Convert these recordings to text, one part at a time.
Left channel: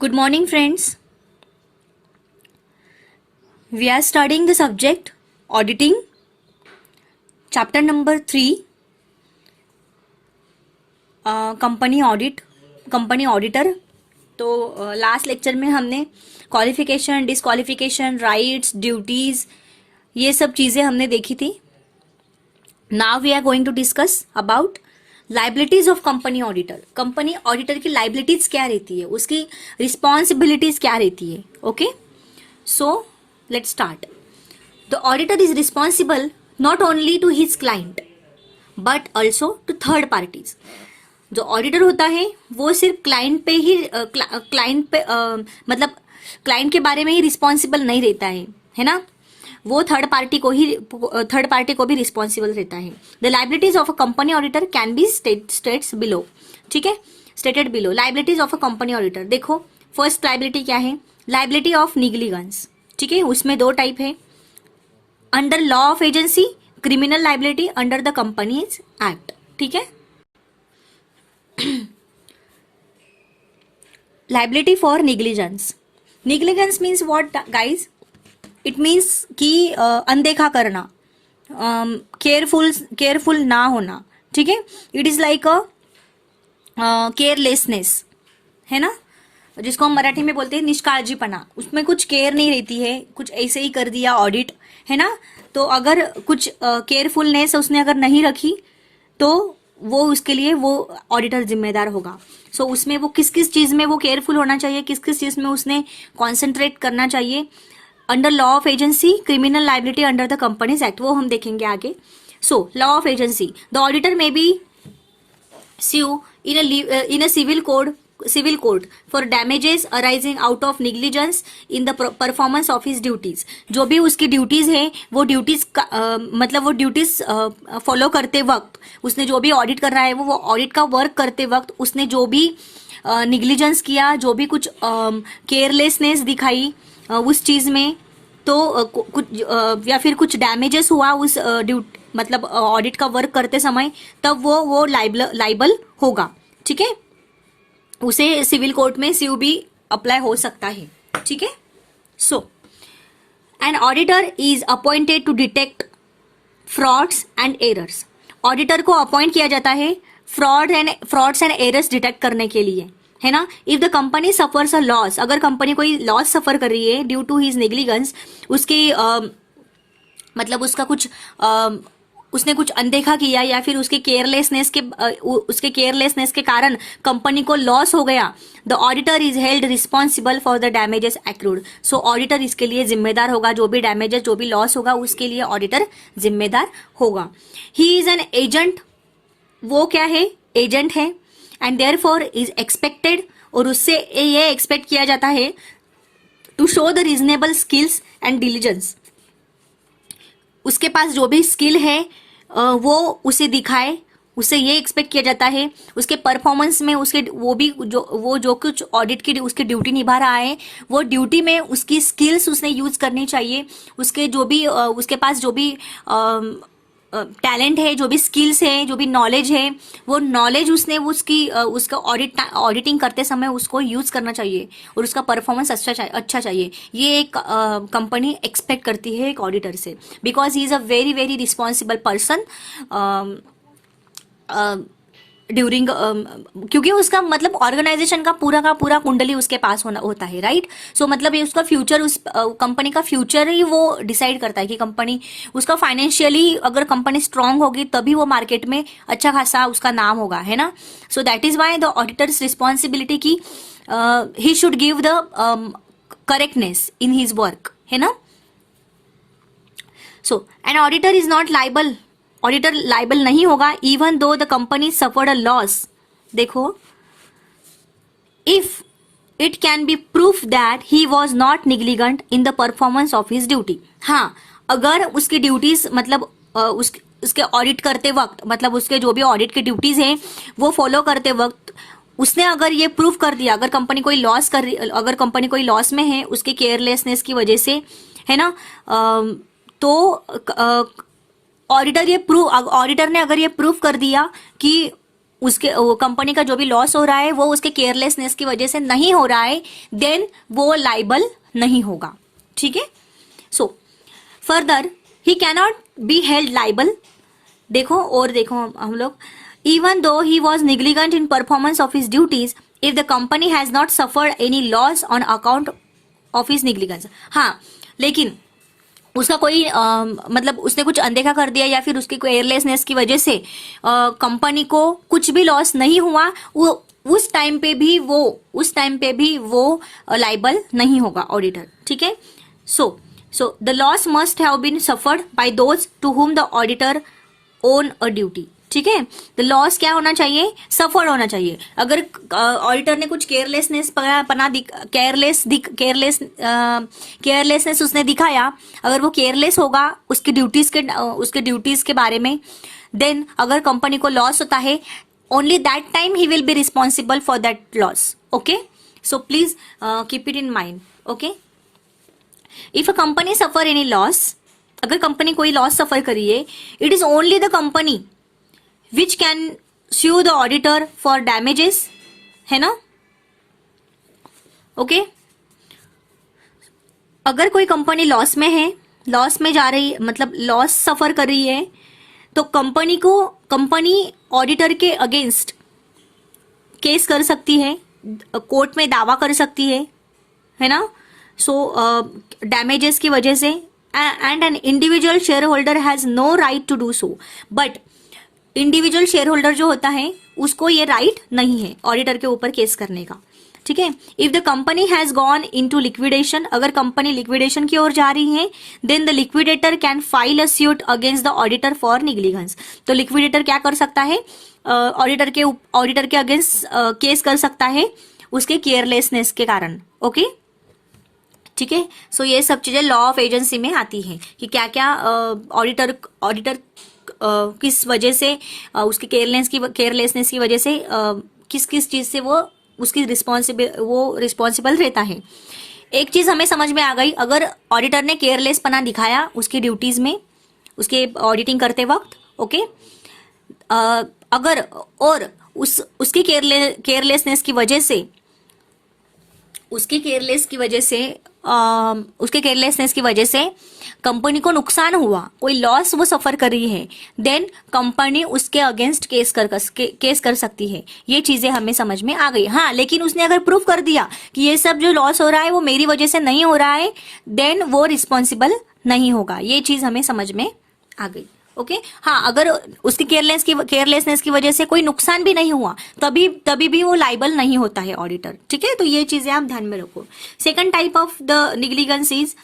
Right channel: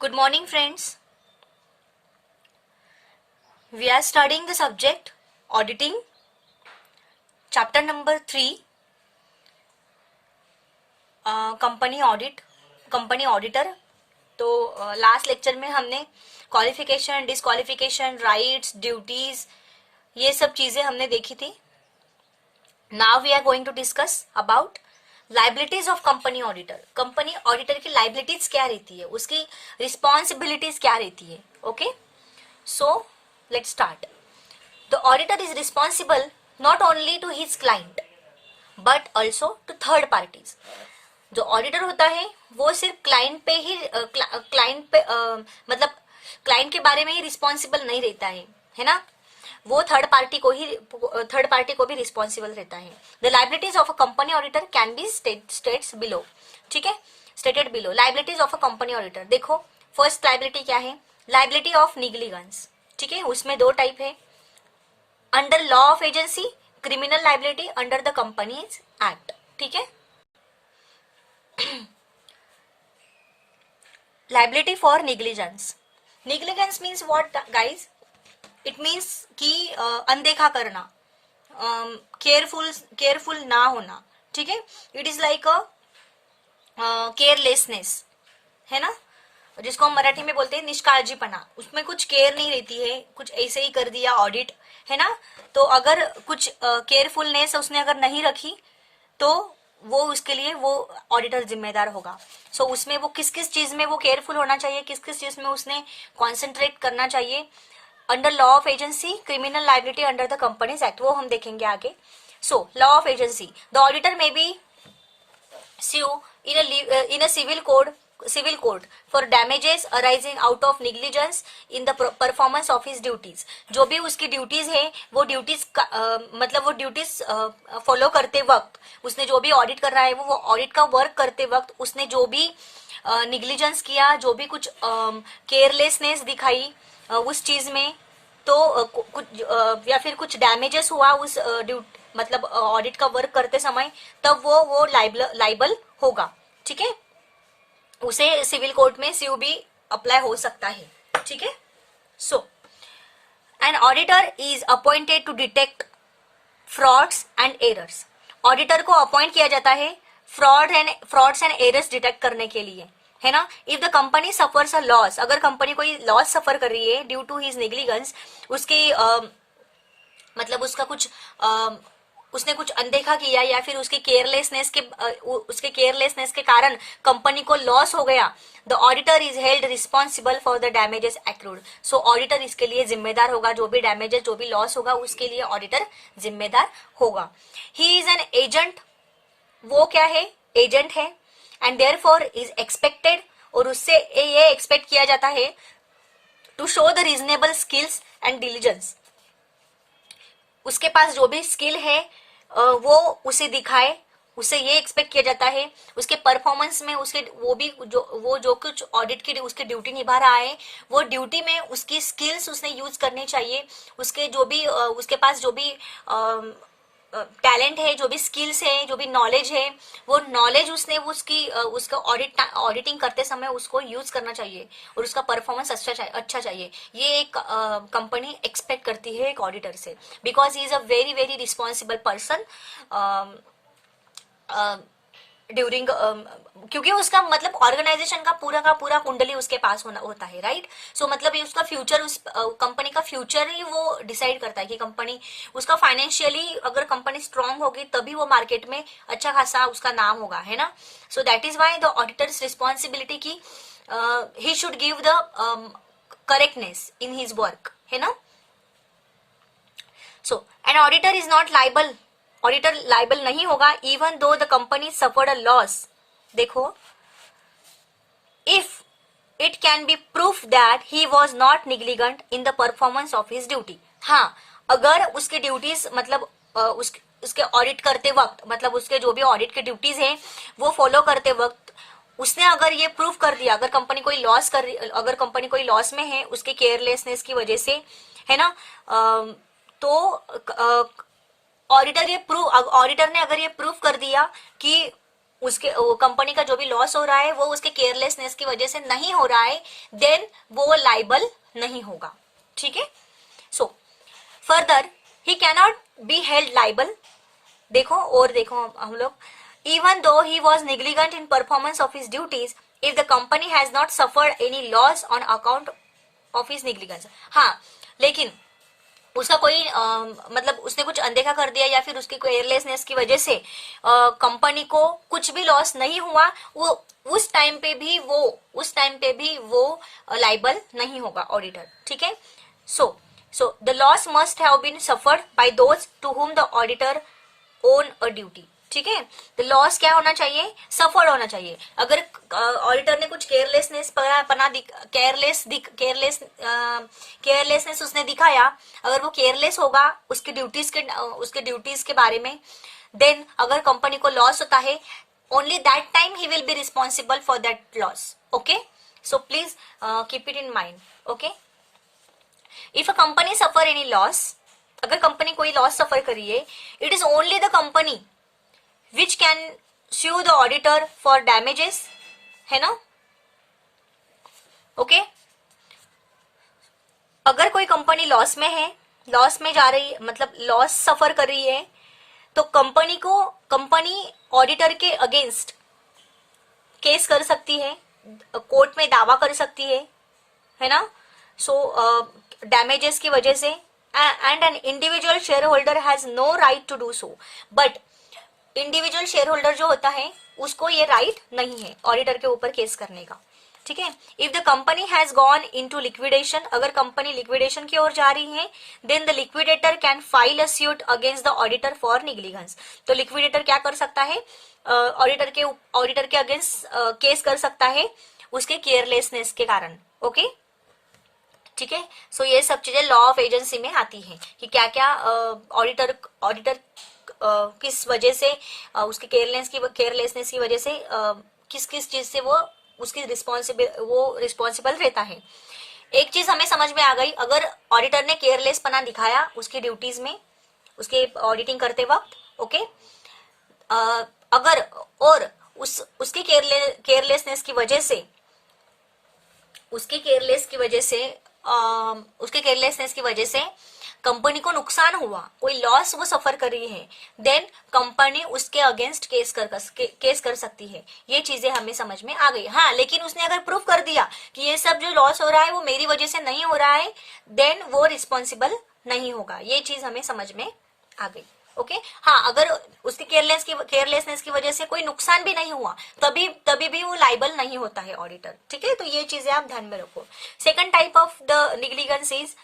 Good morning, friends. We are studying the subject auditing, chapter number 3, company audit, company auditor. तो last lecture में हमने qualification, disqualification, rights, duties, ये सब चीज़ें हमने देखी थी. Now we are going to discuss about liabilities of company auditor. Company auditor की लाइबिलिटीज क्या रहती है, उसकी रिस्पॉन्सिबिलिटीज क्या रहती है. Okay, so let's start. The auditor is responsible not only to his client but also to third parties. जो auditor होता है वो सिर्फ क्लाइंट पे ही मतलब क्लाइंट के बारे में ही रिस्पॉन्सिबल नहीं रहता है ना. वो थर्ड पार्टी को भी रिस्पॉन्सिबल रहता है. The liabilities of a company auditor can be states below. ठीक है, stated below. Liabilities of a company auditor. देखो, फर्स्ट लाइबिलिटी क्या है? Liability of negligence. ठीक है, उसमें दो टाइप है. Under law of agency, criminal liability under the companies act. ठीक है, liability for negligence. Negligence means what guys? It means कि अनदेखा करना, केयरफुल ना होना. ठीक है, it is like a carelessness, है ना, जिसको हम मराठी में बोलते हैं निष्काळजीपना. उसमें कुछ केयर नहीं रहती है, कुछ ऐसे ही कर दिया ऑडिट, है ना. तो अगर कुछ केयरफुलनेस उसने अगर नहीं रखी तो वो उसके लिए वो ऑडिटर जिम्मेदार होगा. सो उसमें वो किस किस चीज में वो केयरफुल होना चाहिए, किस किस चीज में उसने कॉन्सेंट्रेट करना चाहिए. Under law of agency, criminal liability under the companies act, वो हम देखेंगे आगे. So law of agency. The auditor में B sue in a civil court for damages arising out of negligence in the performance of his duties. जो भी उसकी duties हैं वो ड्यूटीज मतलब वो ड्यूटीज फॉलो करते वक्त उसने जो भी ऑडिट कर रहा है वो ऑडिट का वर्क करते वक्त उसने जो भी निग्लिजेंस किया, जो भी कुछ केयरलेसनेस दिखाई उस चीज में, तो कुछ या फिर कुछ डैमेजेस हुआ उस मतलब ऑडिट का वर्क करते समय, तब वो लाइबल होगा. ठीक है, उसे सिविल कोर्ट में स्यू भी अप्लाई हो सकता है. ठीक है, so an auditor is appointed to detect frauds and errors. Auditor को अपॉइंट किया जाता है फ्रॉड्स एंड एरर्स डिटेक्ट करने के लिए, है ना. If the company suffers a loss, अगर कंपनी कोई लॉस सफर कर रही है ड्यू टू हिज नेग्लिजेंस, उसके मतलब उसका कुछ उसने कुछ अनदेखा किया या फिर उसके केयरलेसनेस के कारण कंपनी को लॉस हो गया, the auditor is held responsible for the damages accrued. So auditor इसके लिए जिम्मेदार होगा. जो भी डैमेजेस, जो भी लॉस होगा उसके लिए ऑडिटर जिम्मेदार होगा. He is an agent. वो क्या है? एजेंट है. एंड देयरफॉर इज एक्सपेक्टेड, और उससे ये एक्सपेक्ट किया जाता है to show the reasonable skills and diligence. उसके पास जो भी स्किल है वो उसे दिखाए. उससे ये एक्सपेक्ट किया जाता है उसके परफॉर्मेंस में, उसके वो जो कुछ ऑडिट की उसकी ड्यूटी निभा रहा है वो ड्यूटी में उसकी स्किल्स उसने यूज करनी चाहिए. उसके जो भी उसके पास जो भी टैलेंट है, जो भी स्किल्स है, जो भी नॉलेज है, वो नॉलेज उसने उसका ऑडिटिंग करते समय उसको यूज करना चाहिए और उसका परफॉर्मेंस अच्छा चाहिए. ये एक कंपनी एक्सपेक्ट करती है एक ऑडिटर से, because he is a very very responsible person during क्योंकि उसका मतलब ऑर्गेनाइजेशन का पूरा कुंडली उसके पास होता है, राइट. सो मतलब ये उसका फ्यूचर, उस कंपनी का फ्यूचर ही वो डिसाइड करता है कि कंपनी उसका फाइनेंशियली, अगर कंपनी स्ट्रांग होगी तभी वो मार्केट में अच्छा खासा उसका नाम होगा, है ना. So that is why the auditor's responsibility की he should give the correctness in his work, है ना. So an auditor is not liable. Auditor liable नहीं होगा even though the company suffered a loss. देखो, if it can be proof that he was not negligent in the performance of his duty. हाँ, अगर उसकी duties मतलब उसके audit करते वक्त, मतलब उसके जो भी ऑडिट की ड्यूटीज हैं वो फॉलो करते वक्त उसने अगर ये प्रूफ कर दिया, अगर कंपनी कोई लॉस में है उसके केयरलेसनेस की वजह से, है ना, तो ऑडिटर ने अगर ये प्रूफ कर दिया कि उसके वो कंपनी का जो भी लॉस हो रहा है वो उसके केयरलेसनेस की वजह से नहीं हो रहा है, देन वो लाइबल नहीं होगा। ठीक है। So further he cannot be held liable. देखो और देखो हम लोग, even though he was negligent in performance of his duties if the company has not suffered any loss on account of his negligence. हाँ, लेकिन उसका कोई मतलब उसने कुछ अनदेखा कर दिया या फिर उसकी केयरलेसनेस की वजह से कंपनी को कुछ भी लॉस नहीं हुआ, वो उस टाइम पे भी वो लाइबल नहीं होगा ऑडिटर। ठीक है। So the loss must have been suffered by those to whom the auditor owes a duty. ठीक है। द लॉस क्या होना चाहिए, सफर्ड होना चाहिए। अगर ऑडिटर ने कुछ केयरलेसनेस उसने दिखाया, अगर वो केयरलेस होगा उसके ड्यूटीज के बारे में, देन अगर कंपनी को लॉस होता है, only that time he will be responsible for that loss. Okay, so please keep it in mind. Okay, if a company suffer any loss, अगर कंपनी कोई लॉस सफर करी है, it is only the company which can sue the auditor for damages, है ना। Okay, अगर कोई company loss में है, लॉस में जा रही है, मतलब लॉस सफर कर रही है, तो कंपनी ऑडिटर के अगेंस्ट केस कर सकती है, कोर्ट में दावा कर सकती है ना। सो डैमेजेस की वजह से, and an individual shareholder has no right to do so, but individual shareholder जो होता है उसको ये राइट नहीं है ऑडिटर के ऊपर केस करने का। ठीक है। If the company has gone into liquidation, अगर कंपनी लिक्विडेशन की ओर जा रही है, then the liquidator can file a suit against the auditor for negligence. तो लिक्विडेटर क्या कर सकता है, ऑडिटर के अगेंस्ट केस कर सकता है उसके केयरलेसनेस के कारण। ओके, ठीक है। सो ये सब चीजें लॉ ऑफ एजेंसी में आती है कि क्या क्या ऑडिटर किस वजह से उसके केयरलेसनेस की वजह से किस किस चीज से वो उसकी रिस्पॉन्सिबल रहता है। एक चीज हमें समझ में आ गई, अगर ऑडिटर ने केयरलेसपना दिखाया उसकी ड्यूटीज में, उसके ऑडिटिंग करते वक्त, ओके, अगर और उसकी केयरलेसनेस की वजह से उसके केयरलेसनेस की वजह से कंपनी को नुकसान हुआ, कोई लॉस वो सफर कर रही है, देन कंपनी उसके अगेंस्ट केस कर सकती है। ये चीजें हमें समझ में आ गई। हाँ, लेकिन उसने अगर प्रूफ कर दिया कि ये सब जो लॉस हो रहा है वो मेरी वजह से नहीं हो रहा है, देन वो रिस्पॉन्सिबल नहीं होगा। ये चीज हमें समझ में आ गई। ओके, हाँ, अगर उसकी केयरलेसनेस की वजह से कोई नुकसान भी नहीं हुआ, तभी भी वो लाइबल नहीं होता है ऑडिटर। ठीक है, तो ये चीजें आप ध्यान में रखो। Second type of the negligence is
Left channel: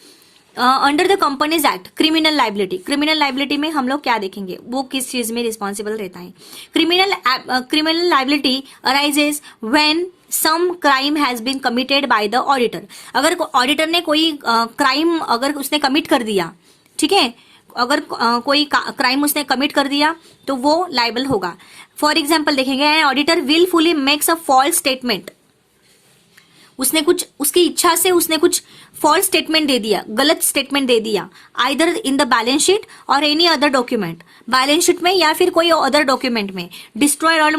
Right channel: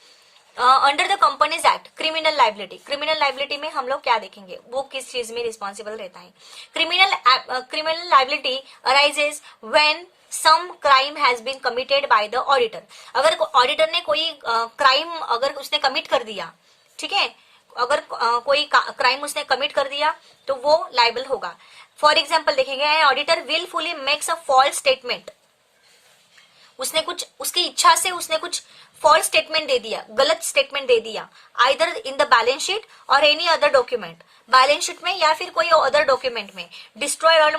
under the companies act, criminal liability. Criminal liability में हम लोग क्या देखेंगे, वो किस चीज में रिस्पॉन्सिबल रहता है। Criminal liability arises when some crime has been committed by the auditor. अगर ऑडिटर ने कोई क्राइम अगर उसने कमिट कर दिया, ठीक है, अगर कोई क्राइम उसने कमिट कर दिया तो वो लाइबल होगा। फॉर एग्जाम्पल देखेंगे, auditor wilfully makes a false statement, उसने कुछ उसकी इच्छा से उसने कुछ फॉल्स स्टेटमेंट दे दिया, गलत स्टेटमेंट दे दिया, either in the balance sheet or any other document, balance sheet में या फिर कोई अदर डॉक्यूमेंट में, destroy or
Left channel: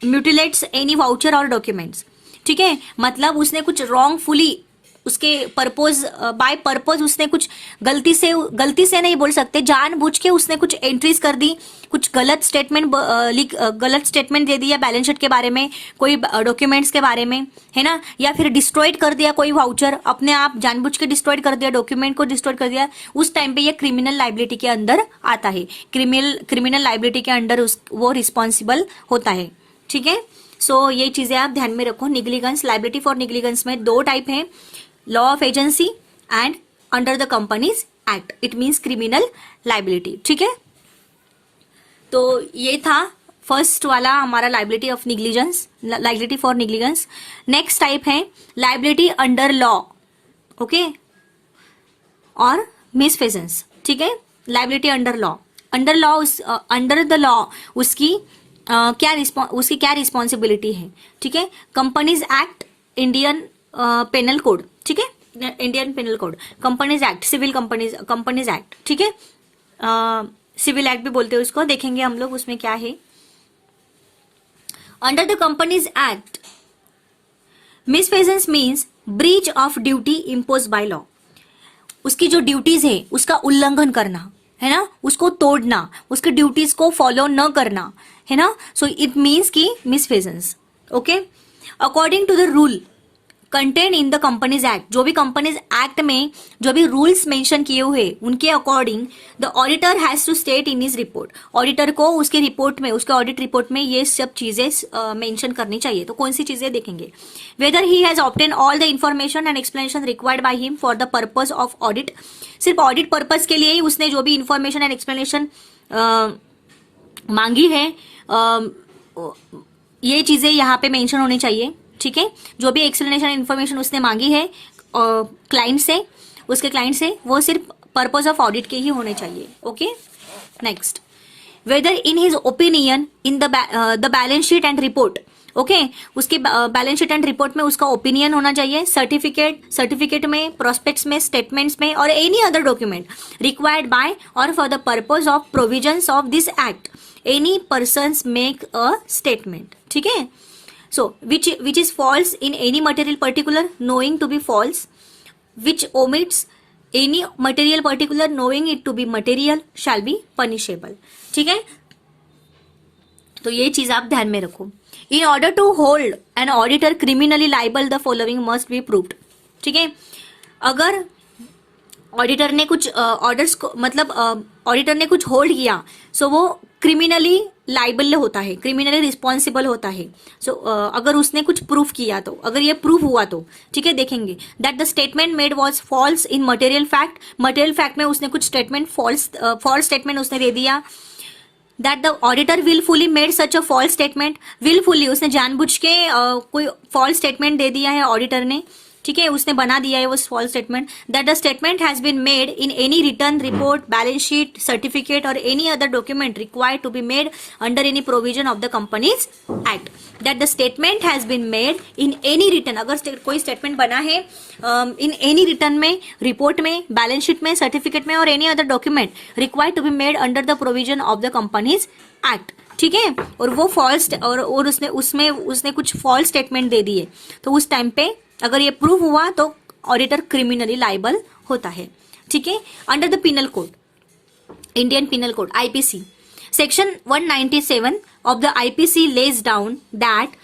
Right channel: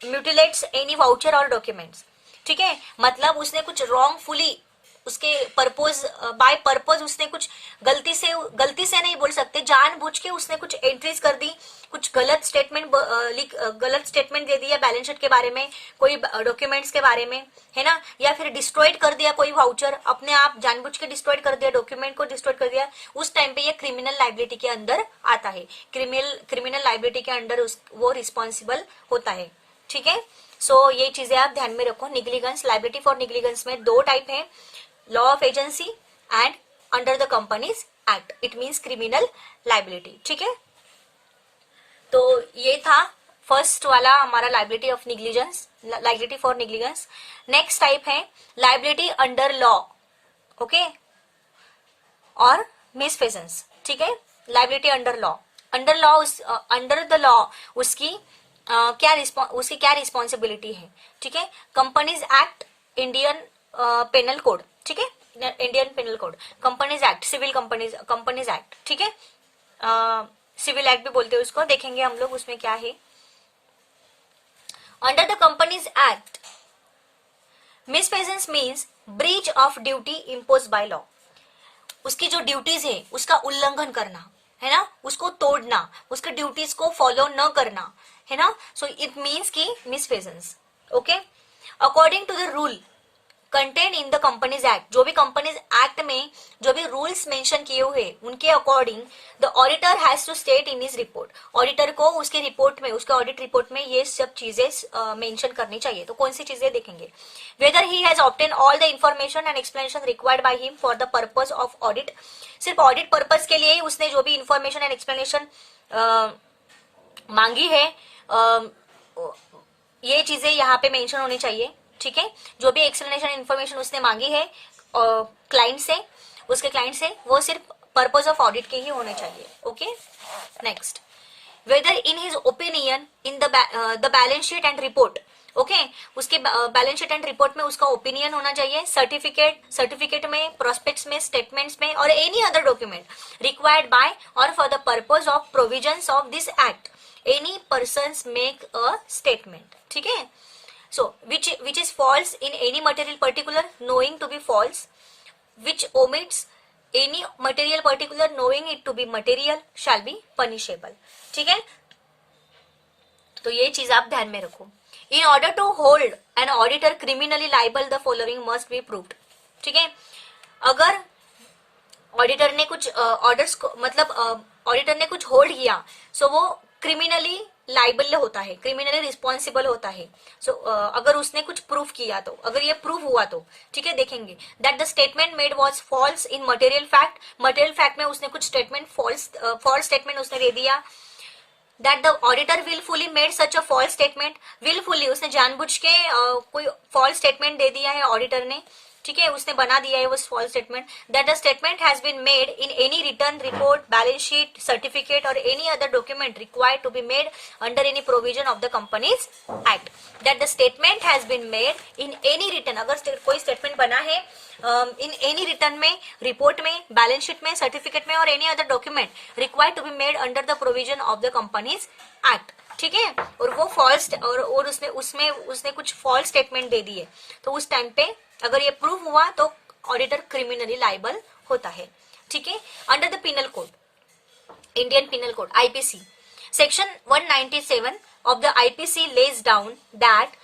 mutilates any voucher or documents. ठीक है, मतलब उसने कुछ रॉन्गफुली उसके बाय पर्पज उसने कुछ गलती से नहीं बोल सकते, जानबूझ के उसने कुछ एंट्रीज कर दी, कुछ गलत स्टेटमेंट दे दिया बैलेंस शीट के बारे में, कोई डॉक्यूमेंट्स के बारे में, है ना, या फिर डिस्ट्रॉयड कर दिया कोई वाउचर, अपने आप जानबूझ के डिस्ट्रॉयड कर दिया, डॉक्यूमेंट को डिस्ट्रॉयड कर दिया, उस टाइम पे ये क्रिमिनल लाइबिलिटी के अंदर आता है। क्रिमिनल लाइबिलिटी के अंडर वो रिस्पॉन्सिबल होता है। ठीक है, सो ये चीजें आप ध्यान में रखो। निग्लिजेंस, लाइबिलिटी फॉर निग्लिजेंस में दो टाइप है, law of agency and under the companies act, it means criminal liability. ठीक है, तो ये था फर्स्ट वाला हमारा liability for negligence. Next type है लाइबिलिटी अंडर लॉ, ओके, और मिसफेजेंस। ठीक है, liability under law, under the law उसकी क्या रिस्पॉन्सिबिलिटी है। ठीक है, companies act, Indian penal code, ठीक है, Indian penal code, companies act, civil companies act, ठीक है, सिविल एक्ट भी बोलते हैं उसको, देखेंगे हम लोग उसमें क्या है। Under the companies act misfeasance means breach of duty impose by law. उसकी जो ड्यूटीज है उसका उल्लंघन करना, है ना, उसको तोड़ना, उसके ड्यूटीज को फॉलो न करना, है ना। सो इट मीन्स की misfeasance. Okay, according to the rule contain in the companies act, जो भी कंपनीज एक्ट में जो भी रूल्स मेंशन किए हुए उनके according the auditor has to state in his report, auditor को उसकी रिपोर्ट में, उसके ऑडिट रिपोर्ट में ये सब चीजें मेंशन करनी चाहिए। तो कौन सी चीजें देखेंगे, weather he has obtain all the information and explanation required by him for the purpose of audit, सिर्फ ऑडिट पर्पज के लिए ही उसने जो भी इंफॉर्मेशन एंड एक्सप्लेनेशन मांगी है, ये चीजें यहाँ पे मेंशन होनी चाहिए। ठीक है, जो भी एक्सप्लेनेशन इन्फॉर्मेशन उसने मांगी है क्लाइंट से, उसके क्लाइंट से, वो सिर्फ पर्पज ऑफ ऑडिट के ही होने चाहिए। Okay, next, whether in his opinion in the balance sheet and report, okay, उसके बैलेंस शीट एंड रिपोर्ट में उसका ओपिनियन होना चाहिए, सर्टिफिकेट में, प्रोस्पेक्ट्स में, स्टेटमेंट्स में और any other document required by or for the purpose of provisions of this act any persons make a statement. ठीक है, so which is false in any material particular knowing to be false, which omits any material particular knowing it to be material shall be punishable। ठीक है, तो ये चीज आप ध्यान में रखो। in order to hold an auditor criminally liable the following must be proved। ठीक है, अगर ऑडिटर ने कुछ ऑर्डर्स को, मतलब ऑडिटर ने कुछ होल्ड किया, सो वो क्रिमिनली लाइबल होता है, क्रिमिनली रिस्पॉन्सिबल होता है। सो अगर उसने कुछ प्रूफ किया तो, अगर ये प्रूफ हुआ तो, ठीक है, देखेंगे that the statement made was false in material fact, material fact में उसने कुछ स्टेटमेंट फॉल्स स्टेटमेंट उसने दे दिया, that the auditor wilfully made such a false statement, wilfully उसने जानबूझ के कोई फॉल्स स्टेटमेंट दे दिया है ऑडिटर ने, ठीक है, उसने बना दिया है वो false statement, that the statement has been made in any return report, balance sheet, certificate or any other document required to be made under any provision of the companies act, that the statement has been made in any return, अगर कोई statement बना है in any return में, report में, balance sheet में, certificate में और any other document required to be made under the provision of the companies act. ठीक है, और वो फॉल्स और उसने कुछ फॉल्स स्टेटमेंट दे दिए, तो उस टाइम पे अगर ये प्रूव हुआ तो ऑडिटर क्रिमिनली लाइबल होता है। ठीक है, under the penal code, Indian penal code IPC section 197 of the IPC lays down that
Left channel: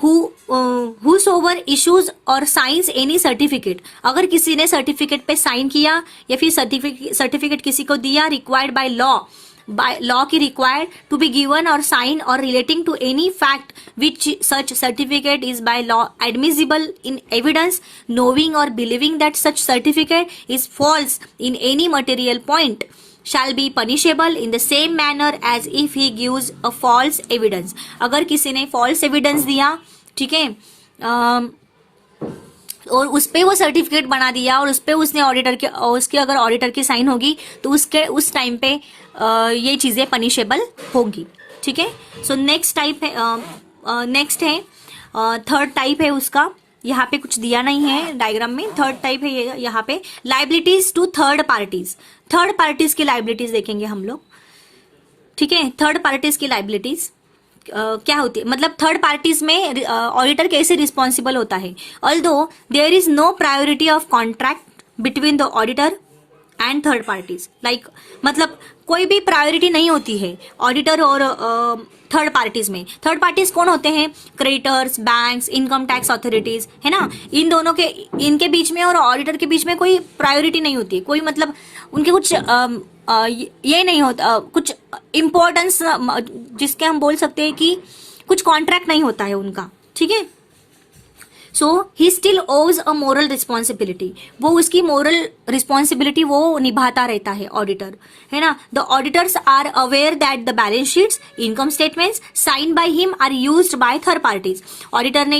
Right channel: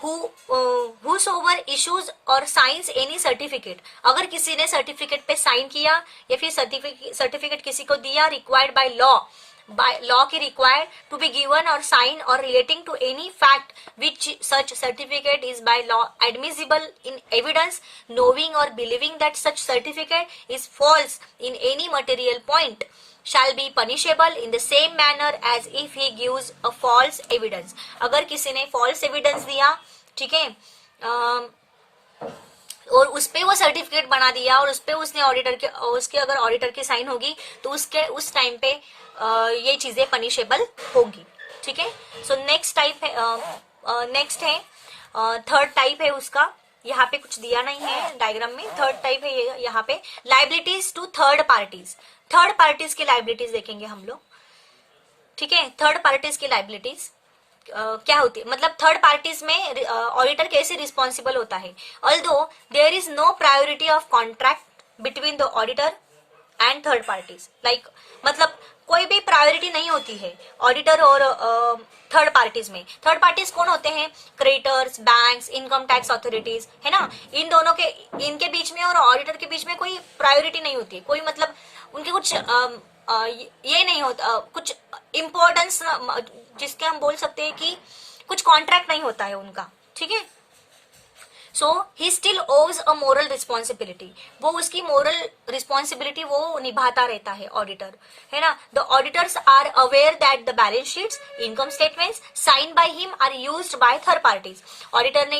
whosoever issues और साइंस एनी सर्टिफिकेट, अगर किसी ने सर्टिफिकेट पे साइन किया या फिर सर्टिफिकेट किसी को दिया रिक्वायर्ड बाय लॉ की required to be given or sign or relating to any fact which such certificate is by law admissible in evidence knowing or believing that such certificate is false in any material point shall be punishable in the same manner as if he gives a false evidence। अगर किसी ने false evidence दिया, ठीक है, और उस पे वो सर्टिफिकेट बना दिया और उस पे उसने ऑडिटर के, उसके अगर ऑडिटर की साइन होगी तो उसके उस टाइम पे ये चीजें पनिशेबल होंगी। ठीक है, सो नेक्स्ट टाइप है, नेक्स्ट है थर्ड टाइप है उसका, यहाँ पे कुछ दिया नहीं है डायग्राम में, थर्ड टाइप है ये यहाँ पे, liabilities to third parties. Third parties की लाइबिलिटीज देखेंगे हम लोग। ठीक है, थर्ड पार्टीज की लाइबिलिटीज क्या होती है, मतलब थर्ड पार्टीज में ऑडिटर कैसे रिस्पॉन्सिबल होता है। Although there is no priority of contract between the auditor and third parties, like मतलब कोई भी प्रायोरिटी नहीं होती है ऑडिटर और थर्ड पार्टीज में। थर्ड पार्टीज कौन होते हैं, creditors, banks, income tax authorities, है ना, इन दोनों के, इनके बीच में और ऑडिटर के बीच में कोई प्रायोरिटी नहीं होती, कोई मतलब उनके कुछ ये नहीं होता, कुछ इम्पोर्टेंस जिसके हम बोल सकते हैं कि कुछ कॉन्ट्रैक्ट नहीं होता है उनका। ठीक है, सो ही स्टिल ओज अ मोरल रिस्पॉन्सिबिलिटी, वो उसकी मोरल रिस्पॉन्सिबिलिटी वो निभाता रहता है ऑडिटर, है ना। The auditors are aware that the balance sheets, income statements sign by him are used by third parties. Auditor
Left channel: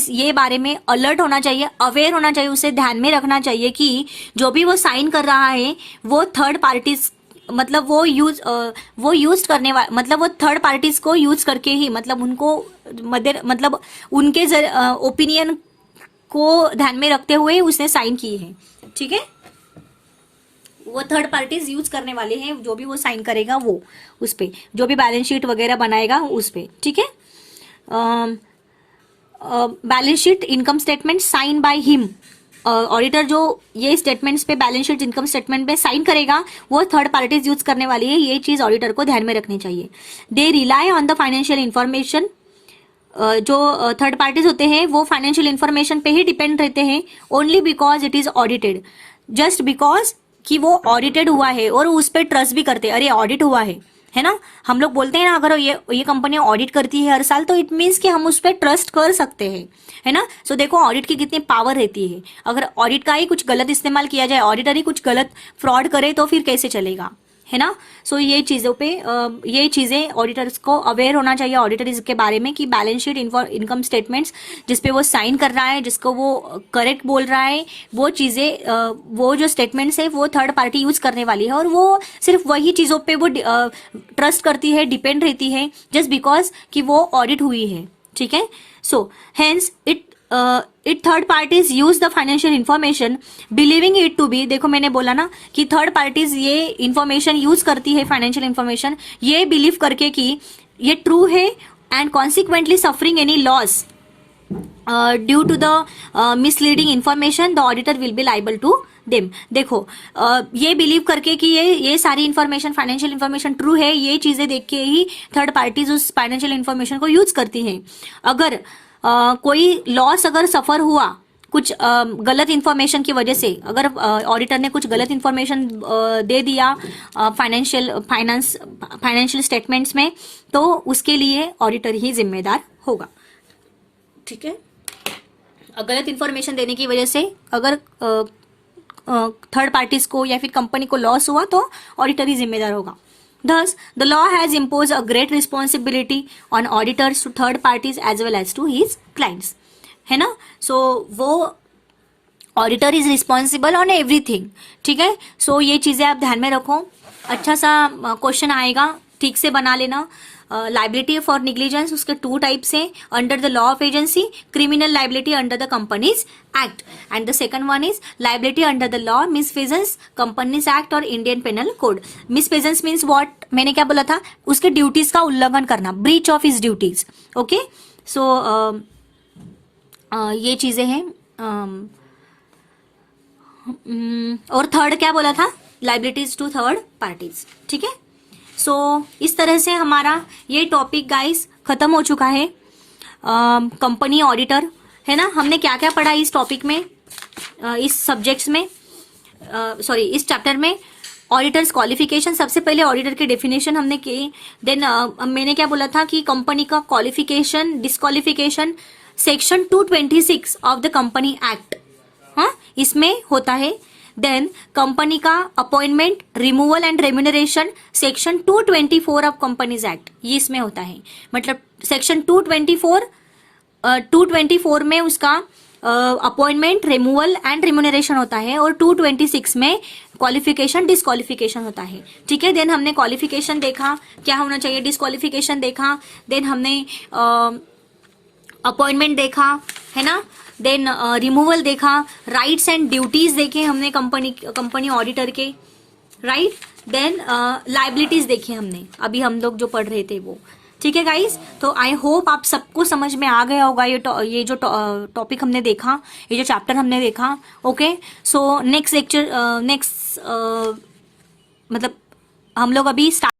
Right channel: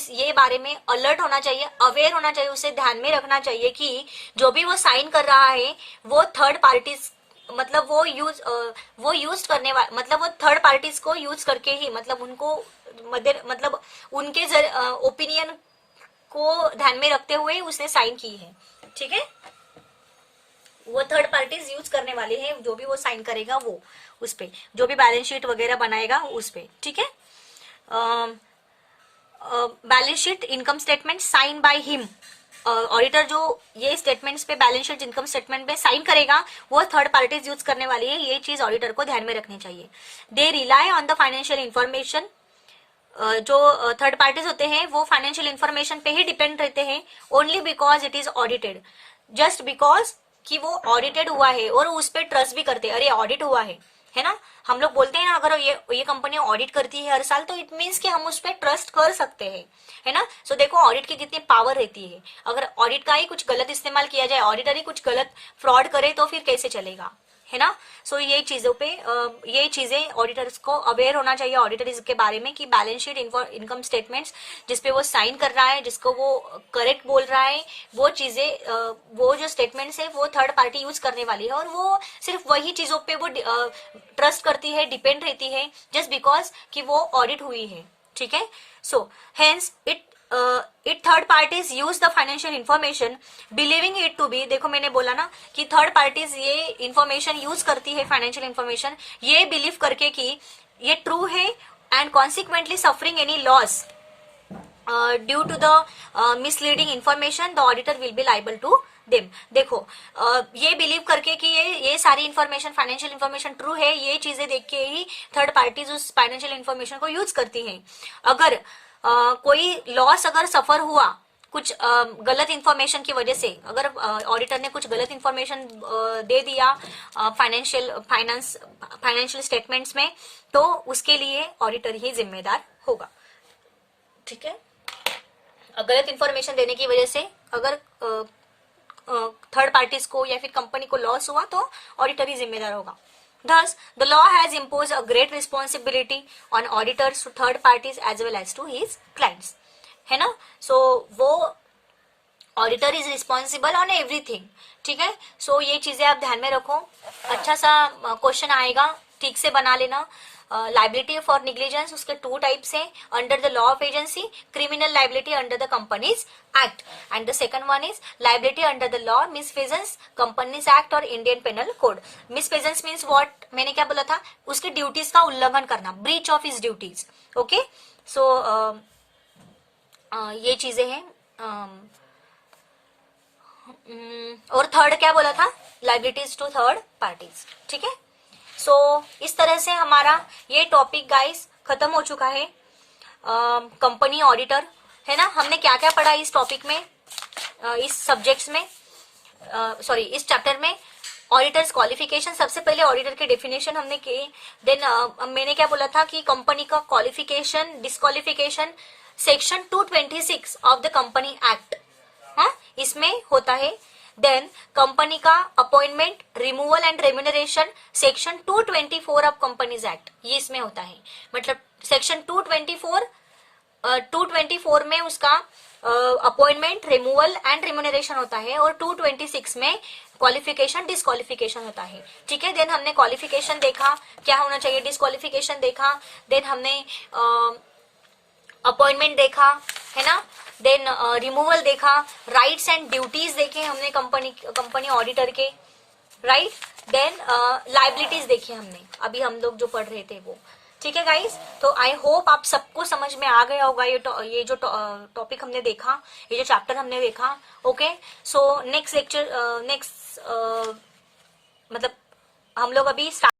ये बारे में अलर्ट होना चाहिए, अवेयर होना चाहिए, उसे ध्यान में रखना चाहिए कि जो भी वो साइन कर रहा है वो थर्ड पार्टीज, मतलब वो यूज करने वाला, मतलब वो थर्ड पार्टीज को यूज करके ही, मतलब उनको मतलब उनके ओपिनियन को ध्यान में रखते हुए उसने साइन की है। ठीक है, वो थर्ड पार्टीज यूज करने वाले हैं, जो भी वो साइन करेगा वो उस पे, जो भी बैलेंस शीट वगैरह बनाएगा उस पे। ठीक है, balance sheet income statement sign by him. Auditor जो ये स्टेटमेंट्स पे बैलेंस शीट इनकम स्टेटमेंट पे साइन करेगा वो थर्ड पार्टीज यूज करने वाली है, ये चीज ऑडिटर को ध्यान में रखनी चाहिए। They rely on the financial information, जो थर्ड पार्टीज होते हैं वो फाइनेंशियल इंफॉर्मेशन पे ही डिपेंड रहते हैं, only because it is audited, just because कि वो ऑडिटेड हुआ है और उस पर ट्रस्ट भी करते हैं, अरे ऑडिट हुआ है ना। हम लोग बोलते हैं ना अगर ये कंपनी ऑडिट करती है हर साल तो इट मीन्स कि हम उस पर ट्रस्ट कर सकते हैं, है ना। सो देखो ऑडिट की कितनी पावर रहती है, अगर ऑडिट का ही कुछ गलत इस्तेमाल किया जाए, ऑडिटर ही कुछ गलत फ्रॉड करे तो फिर कैसे चलेगा, है ना। सो ये चीजों पे ये चीजें ऑडिटर्स को अवेयर होना चाहिए ऑडिटर के बारे में कि बैलेंस शीट इनकम स्टेटमेंट्स जिसपे वो साइन कर रहा है, जिसको वो करेक्ट बोल रहा है, वो चीजें वो जो स्टेटमेंट्स है वो थर्ड पार्टी यूज करने वाली है और वो सिर्फ वही चीजों पे वो ट्रस्ट करती है, डिपेंड रहती है, जस्ट बिकॉज कि वो ऑडिट हुई है, ठीक है। So hence it third parties use the financial information believing it to be, देखो मैंने बोला ना कि थर्ड पार्टीज ये इंफॉर्मेशन यूज करती है, फाइनेंशियल इंफॉर्मेशन ये बिलीव करके कि ये ट्रू है and consequently suffering any loss due to the misleading information the auditor will be liable to them. देखो ये बिलीव करके कि ये सारी इंफॉर्मेशन फाइनेंशियल इंफॉर्मेशन ट्रू है, ये चीजें देख के ही थर्ड पार्टीज उस फाइनेंशियल इंफॉर्मेशन को यूज करती हैं। अगर कोई लॉस अगर सफर हुआ कुछ गलत इंफॉर्मेशन की वजह से, अगर ऑडिटर ने कुछ गलत इंफॉर्मेशन दे दिया फाइनेंशियल स्टेटमेंट्स में, तो उसके लिए ऑडिटर ही जिम्मेदार होगा, ठीक है। गलत इंफॉर्मेशन देने की वजह से अगर थर्ड पार्टीज को या फिर कंपनी को लॉस हुआ तो ऑडिटर ही जिम्मेदार होगा। Thus, the law has imposed a great responsibility on auditors to third parties as well as to his clients, है ना। So वो auditor is responsible on everything, ठीक है। सो ये चीजें आप ध्यान में रखो, अच्छा सा क्वेश्चन आएगा, ठीक से बना लेना। लाइबिलिटी फॉर निग्लिजेंस उसके 2 टाइप्स है, under the law of agency, criminal liability under the companies act, and the second one is liability under the law misfeasance companies act or Indian penal code. Misfeasance means what, मैंने क्या बोला था, उसके duties का उल्लंघन करना, breach of his duties, okay. So ये चीजें हैं। और थर्ड क्या बोला था, लाइबिलिटीज टू थर्ड पार्टीज, ठीक है। सो इस तरह से हमारा ये टॉपिक गाइस खत्म हो चुका है। कंपनी ऑडिटर, है ना। हमने क्या क्या पढ़ा इस टॉपिक में, इस सब्जेक्ट्स में, सॉरी इस चैप्टर में। ऑडिटर्स क्वालिफिकेशन, सबसे पहले ऑडिटर की डेफिनेशन हमने की। देन मैंने क्या बोला था कि कंपनी का qualification disqualification section 226 of the company act, हाँ इसमें होता है। देन कंपनी का appointment, removal and remuneration section 224 of companies act, ये इसमें होता है। मतलब सेक्शन 224 में उसका अपॉइंटमेंट, रिमूवल एंड रेम्यूनरेशन होता है और 226 में क्वालिफिकेशन डिस्क्वालिफिकेशन होता है, ठीक है। देन हमने क्वालिफिकेशन देखा क्या होना चाहिए, डिस्क्वालिफिकेशन देखा, देन हमने अपॉइंटमेंट देखा, है ना। देन रिमूवल देखा, राइट्स एंड ड्यूटीज देखे हमने कंपनी ऑडिटर के, राइट। देन लाइबिलिटीज देखी हमने, अभी हम लोग जो पढ़ रहे थे वो, ठीक है गाइस। तो आई होप आप सबको समझ में आ गया होगा ये जो टॉपिक हमने देखा, ये जो चैप्टर हमने देखा, ओके। सो नेक्स्ट लेक्चर मतलब हम लोग अभी